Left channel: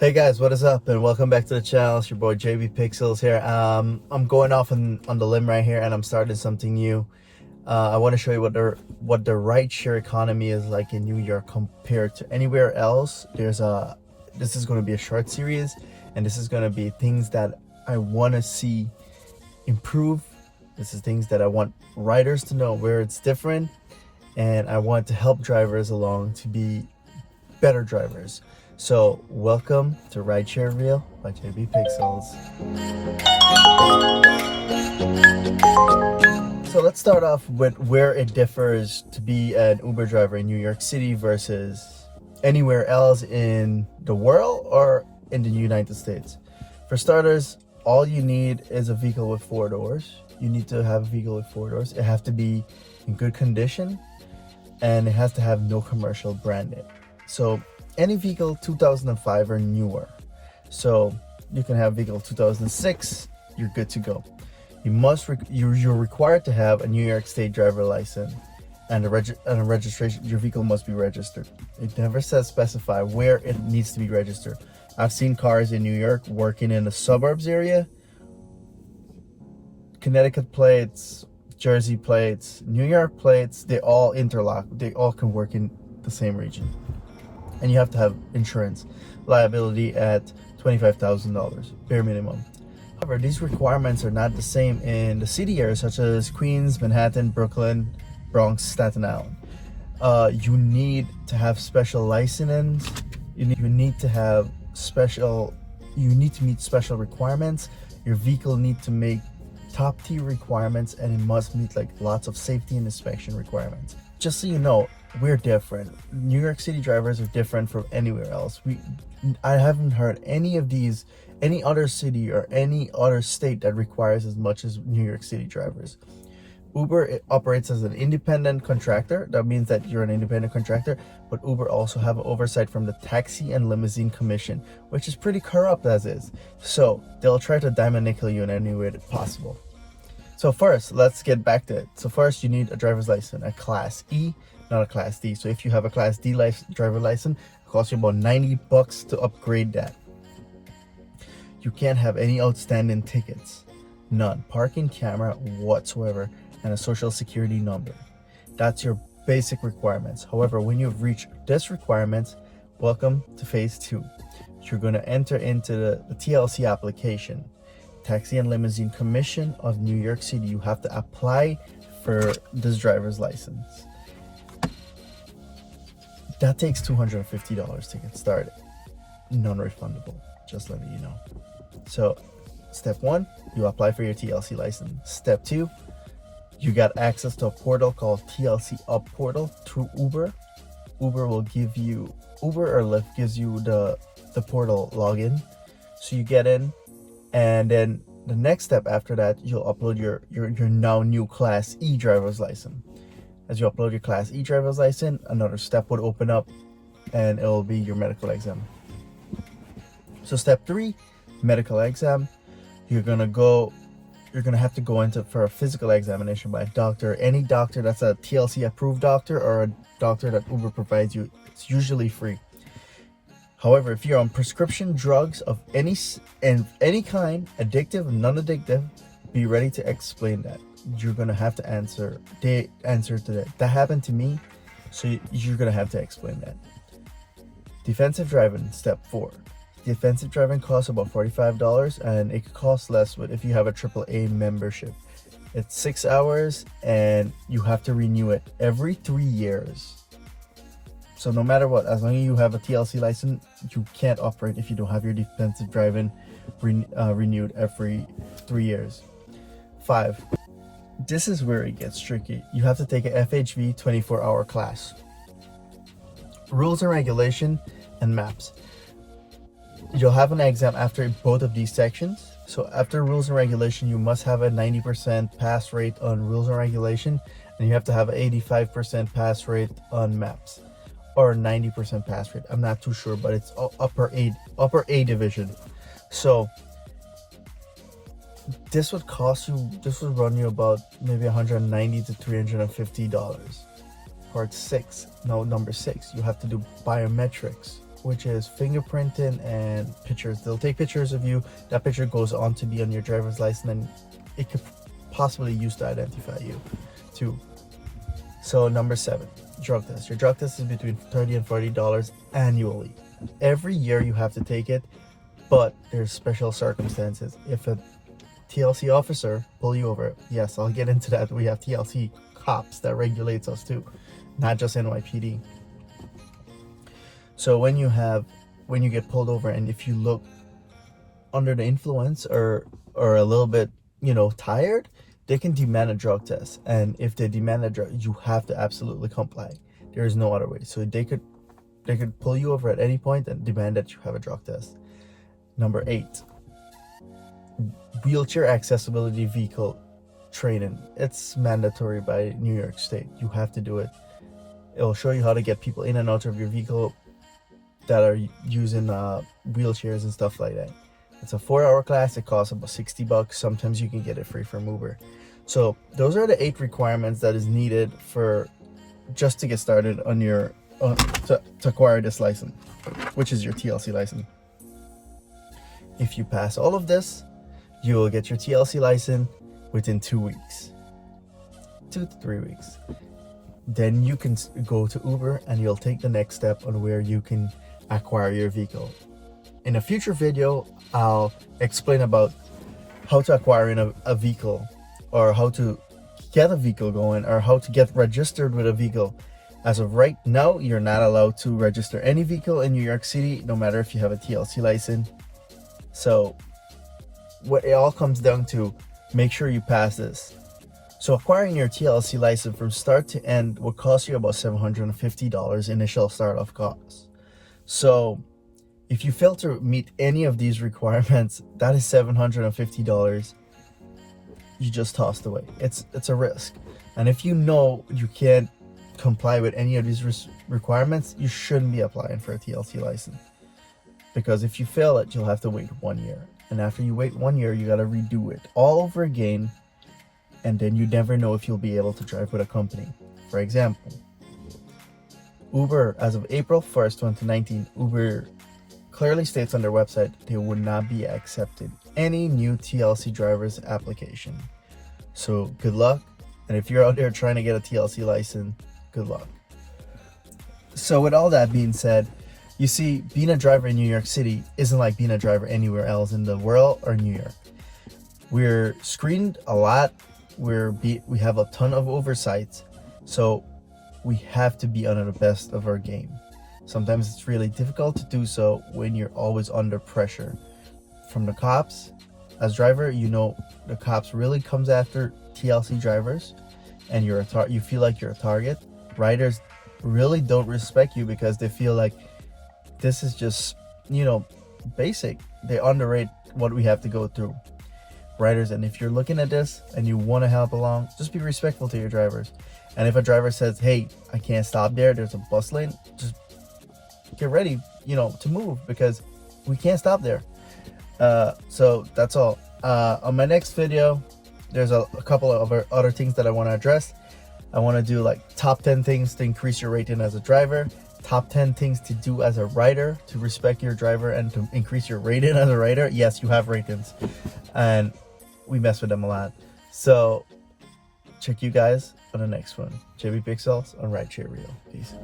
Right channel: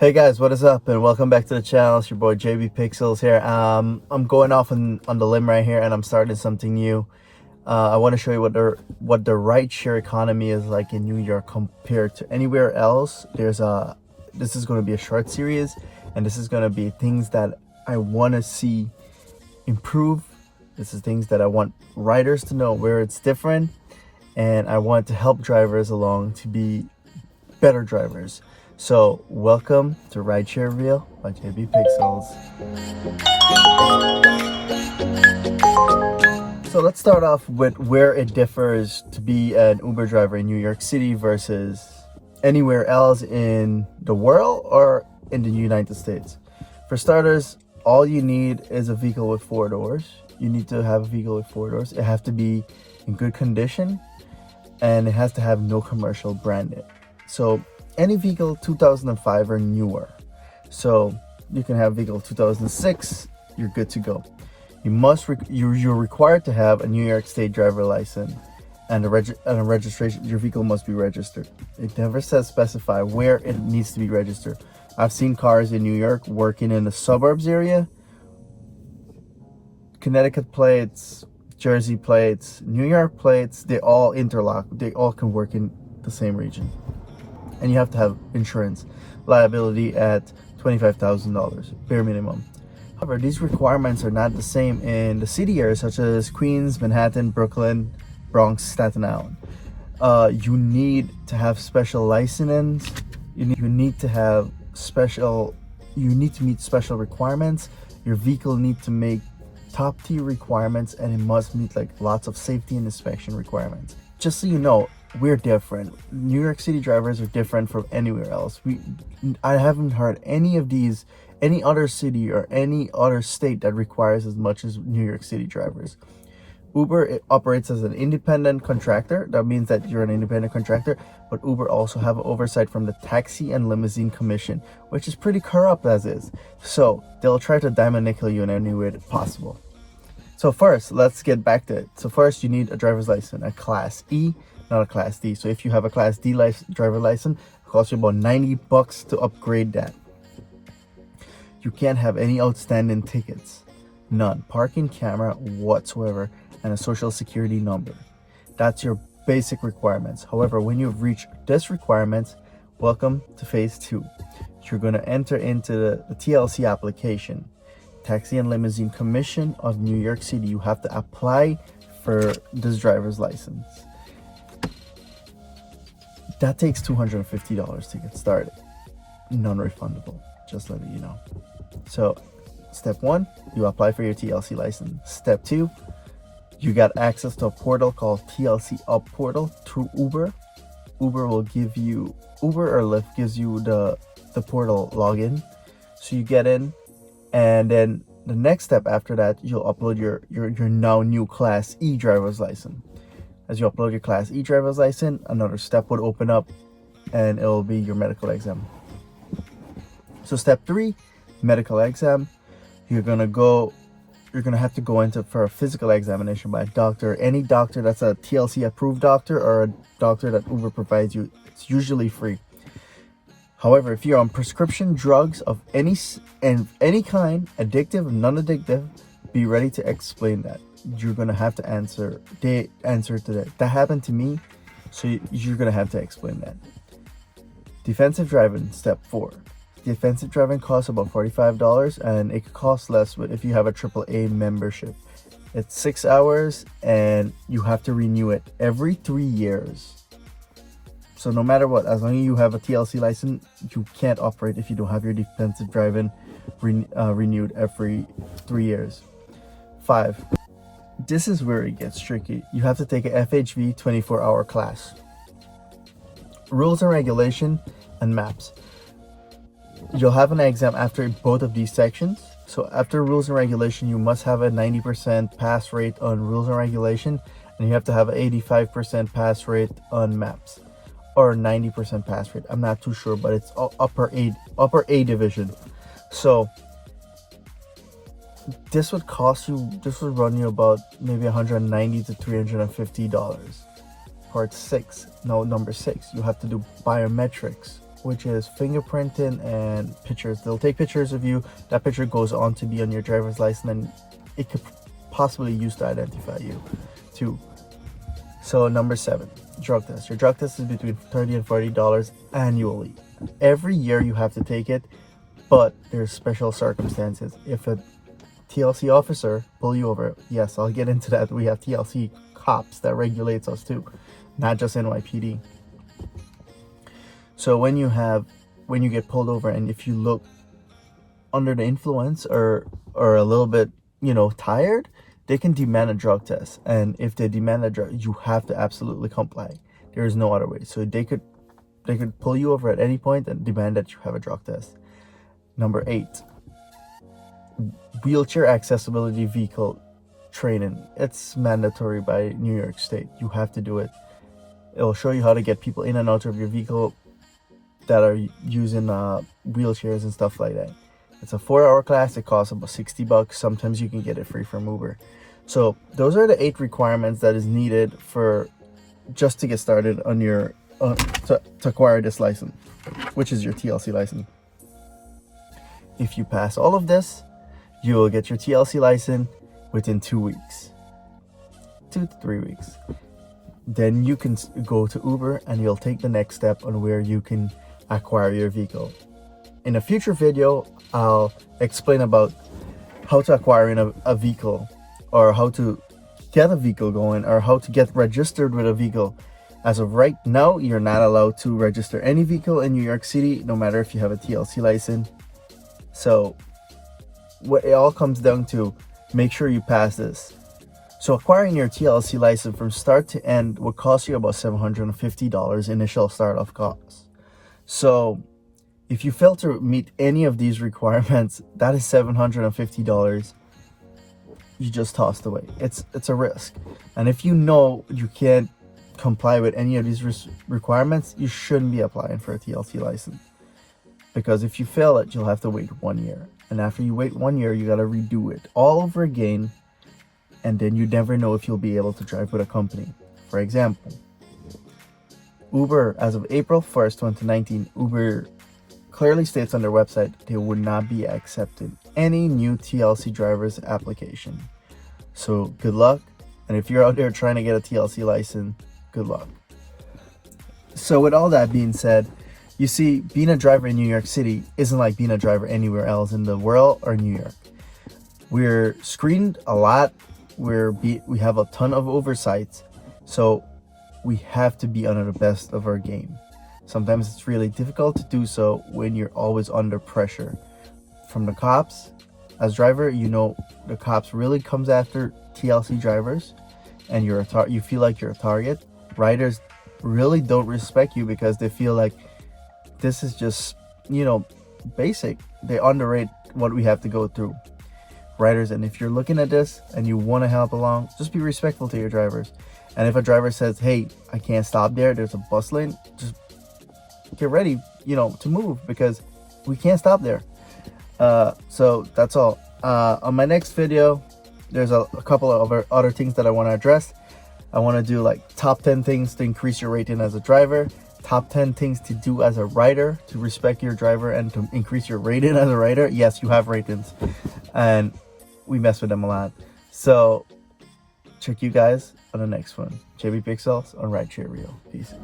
Hey guys, what is up and welcome back to the channel. It's your boy JB Pixels here. I'm going off on the limb right here and I'm starting something new. I want to show you what the rideshare economy is like in New York compared to anywhere else. This is going to be a short series and this is going to be things that I want to see improve. This is things that I want riders to know where it's different, and I want to help drivers along to be better drivers. So welcome to Rideshare Reel by JB Pixels. So let's start off with where it differs to be an Uber driver in New York City versus anywhere else in the world or in the United States. For starters, all you need is a vehicle with 4 doors. You need to have a vehicle with 4 doors. It has to be in good condition and it has to have no commercial branding. So any vehicle 2005 or newer. So you can have vehicle 2006, you're good to go. You're required to have a New York State driver license and a registration. Your vehicle must be registered. It never says specify where it needs to be registered. I've seen cars in New York working in the suburbs area. Connecticut plates, Jersey plates, New York plates, they all interlock. They all can work in the same region. And you have to have insurance liability at $25,000 bare minimum. However, these requirements are not the same in the city areas such as Queens, Manhattan, Brooklyn, Bronx, Staten Island. You need to have special license. You need to meet special requirements. Your vehicle needs to make top tier requirements, and it must meet like lots of safety and inspection requirements. Just so you know, we're different. New York City drivers are different from anywhere else. I haven't heard any other city or any other state that requires as much as New York City drivers. Uber operates as an independent contractor. That means that you're an independent contractor, but Uber also have oversight from the Taxi and Limousine Commission, which is pretty corrupt as is. So they'll try to diamond nickel you in any way possible. So first, let's get back to it. So first, you need a driver's license, a Class E, not a Class D. So if you have a Class D driver license, it costs you about $90 to upgrade that. You can't have any outstanding tickets, none, parking camera whatsoever, and a social security number. That's your basic requirements. However, when you've reached this requirements, welcome to phase 2. You're going to enter into the TLC application, Taxi and Limousine Commission of New York City. You have to apply for this driver's license. That takes $250 to get started. Non-refundable, just letting you know. So step 1, you apply for your TLC license. Step 2, you got access to a portal called TLC Up Portal through Uber. Uber or Lyft gives you the portal login. So you get in, and then the next step after that, you'll upload your now new Class E driver's license. As you upload your Class E driver's license, another step would open up and it'll be your medical exam. So step 3, medical exam. You're gonna have to go into for a physical examination by a doctor. Any doctor that's a TLC approved doctor or a doctor that Uber provides you. It's usually free. However, if you're on prescription drugs of any kind, addictive, non-addictive, be ready to explain that. You're gonna have to answer to that. That happened to me, so you're gonna have to explain that. Defensive driving, step 4. Defensive driving costs about $45, and it could cost less if you have a AAA membership. It's 6 hours, and you have to renew it every 3 years. So no matter what, as long as you have a TLC license, you can't operate if you don't have your defensive driving renewed every 3 years. 5. This is where it gets tricky. You have to take a FHV 24-hour class. Rules and regulation and maps. You'll have an exam after both of these sections. So after rules and regulation, you must have a 90% pass rate on rules and regulation, and you have to have an 85% pass rate on maps, or 90% pass rate. I'm not too sure, but it's upper A division. So this would run you about maybe $190 to $350. Number 6, you have to do biometrics. which is fingerprinting and pictures. They'll take pictures of you. That picture goes on to be on your driver's license, and it could possibly use to identify you too. So number 7, drug test. Your drug test is between $30 and $40 annually. Every year you have to take it, but there's special circumstances. If a TLC officer pull you over, yes, I'll get into that. We have TLC cops that regulates us too, not just NYPD. So when you get pulled over, and if you look under the influence or a little bit, tired, they can demand a drug test. And if they demand a drug, you have to absolutely comply. There is no other way. So they could pull you over at any point and demand that you have a drug test. Number 8, wheelchair accessibility vehicle training. It's mandatory by New York State. You have to do it. It'll show you how to get people in and out of your vehicle that are using wheelchairs and stuff like that. It's a 4-hour class. It costs about $60. Sometimes you can get it free from Uber. So those are the 8 requirements that is needed for just to get started on your to acquire this license, which is your TLC license. If you pass all of this, you will get your TLC license within 2 weeks, 2 to 3 weeks. Then you can go to Uber and you'll take the next step on where you can acquire your vehicle. In a future video, I'll explain about how to acquire a vehicle, or how to get a vehicle going, or how to get registered with a vehicle. As of right now, you're not allowed to register any vehicle in New York City, no matter if you have a TLC license. So what it all comes down to, make sure you pass this. So acquiring your TLC license from start to end will cost you about $750 initial startup costs. So if you fail to meet any of these requirements, that is $750 you just tossed away. It's a risk. And if you know you can't comply with any of these requirements, you shouldn't be applying for a TLC license. Because if you fail it, you'll have to wait 1 year. And after you wait 1 year, you got to redo it all over again. And then you never know if you'll be able to drive with a company. For example, Uber, as of April 1st, 2019, Uber clearly states on their website they would not be accepting any new TLC drivers application. So good luck. And if you're out there trying to get a TLC license, good luck. So with all that being said, you see, being a driver in New York City isn't like being a driver anywhere else in the world or New York. We're screened a lot. We have a ton of oversights. So we have to be under the best of our game. Sometimes it's really difficult to do so when you're always under pressure from the cops. As driver, the cops really comes after TLC drivers, and you feel like you're a target. Riders really don't respect you because they feel like this is just, basic. They underrate what we have to go through. Riders, and if you're looking at this and you want to help along, just be respectful to your drivers. And if a driver says, hey, I can't stop there's a bus lane, just get ready, to move, because we can't stop there. So that's all. On my next video, there's a couple of other things that I want to address. I want to do like top 10 things to increase your rating as a driver, top 10 things to do as a rider to respect your driver and to increase your rating as a rider. Yes, you have ratings, and we mess with them a lot. So check you guys on the next one. JB Pixels on Rideshare Reel. Peace.